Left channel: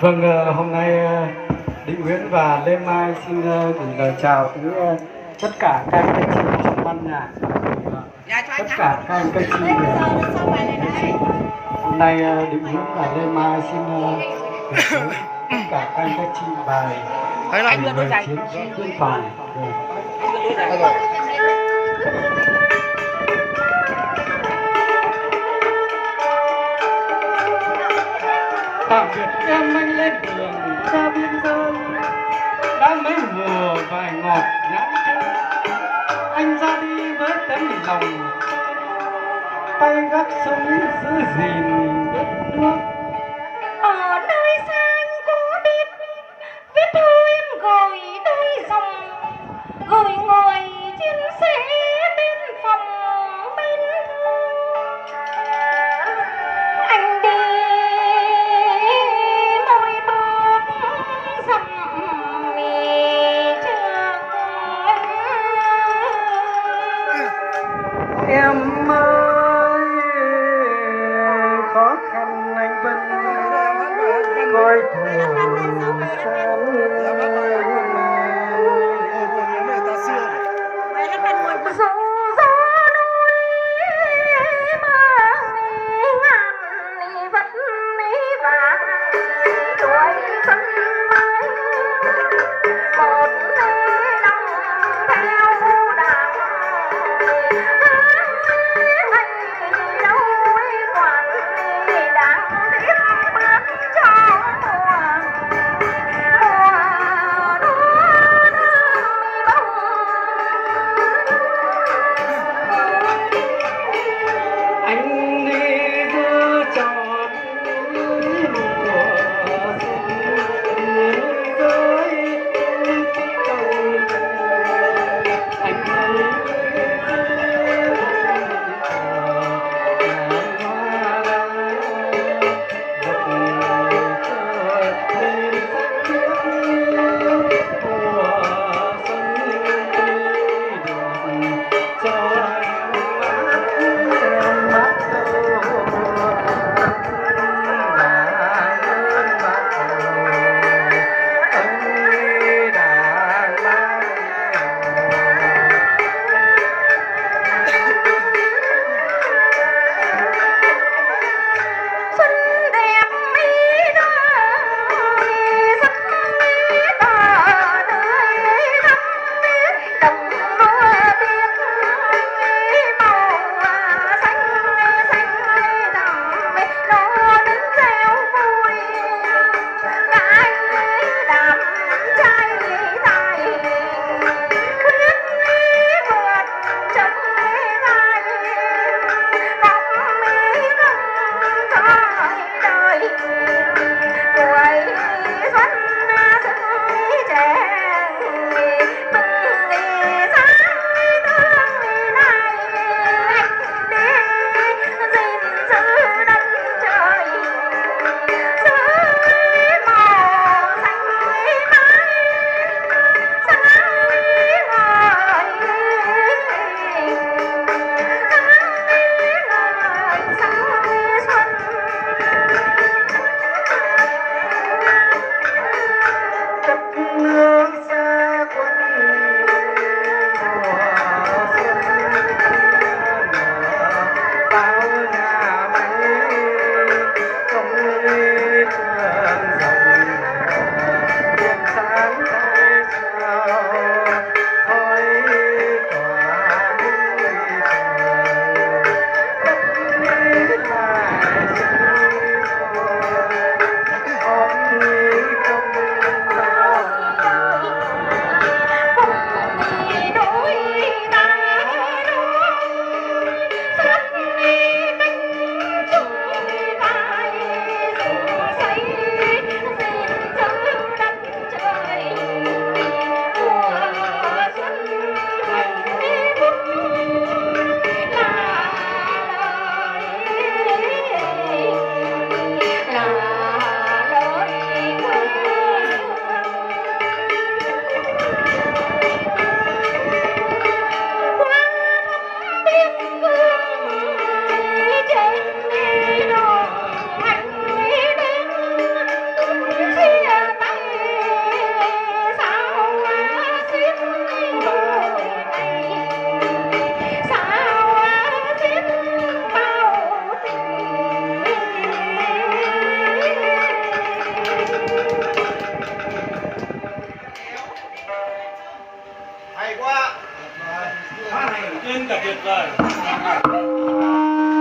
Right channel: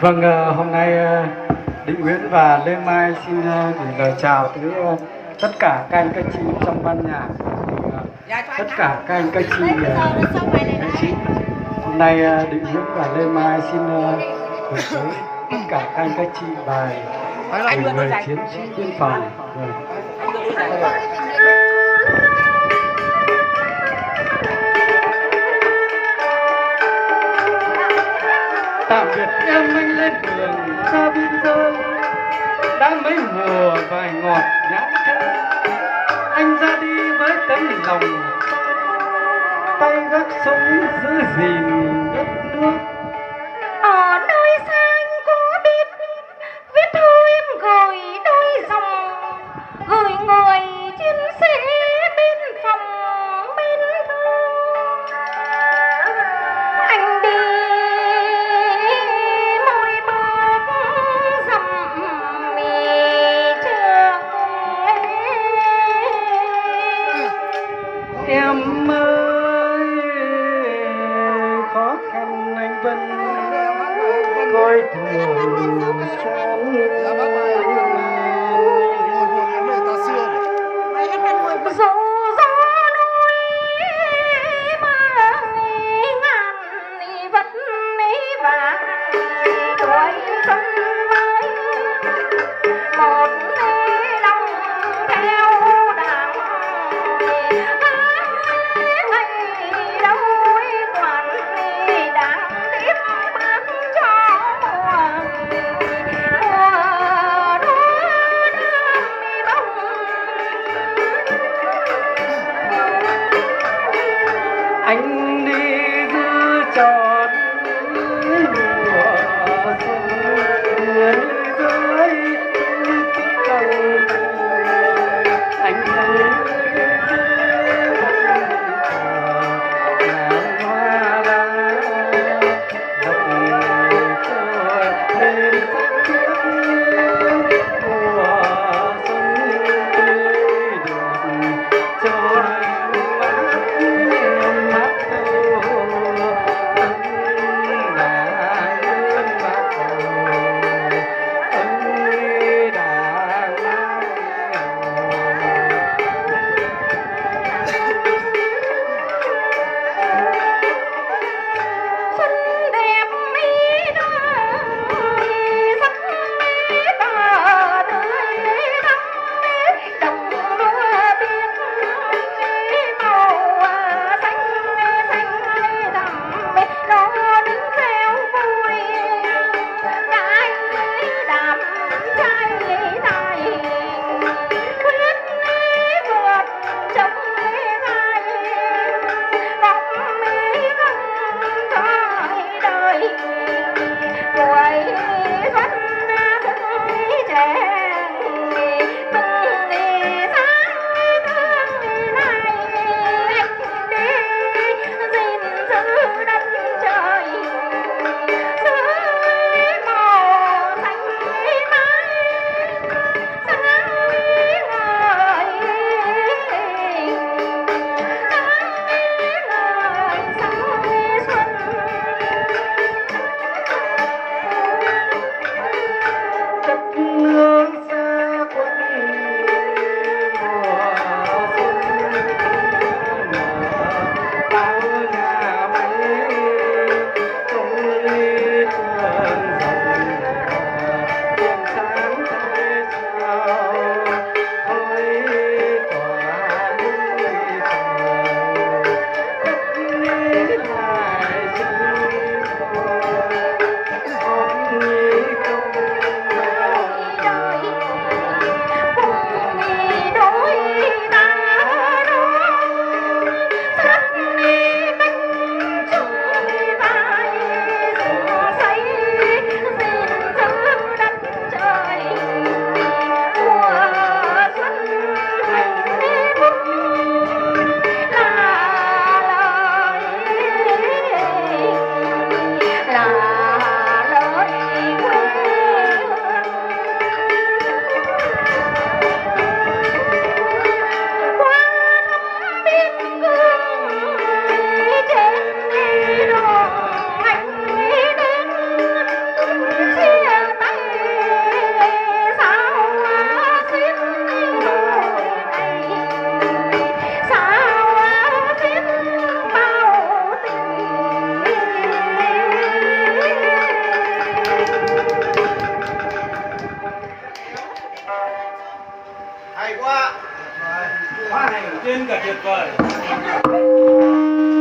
Vâng, hôm nay Định Nguyễn và Lê Mai xin gửi lời chào tới tất cả các anh các chị trong ban nhạc, tất cả các anh các chị nghệ sĩ. Hôm nay Định Nguyễn và Lê Mai xin gửi tới tất cả các anh các chị bài người chiến sĩ biên phòng. Tạm biệt em anh lên đường xa biên giới, đã mấy mùa vài ngọt nhãn thơm. Anh ra đi với tấm lòng, tay gác súng giữ gìn đất nước. Ở nơi xa anh có biết viết thư em gửi đôi dòng, gửi người chiến sĩ biên phòng bên thương. Anh đi mỗi bước dặm miền trường. Em ơi, khó khăn anh vẫn coi thường Dù gió núi mà ngàn vật và tuổi xuân mới một lòng theo đảng ngày đâu quản đảng tiếp bước cho mùa anh đi giữ trọn mùa xuân dưới cầu anh đi quá. Trên cả tuyệt vời.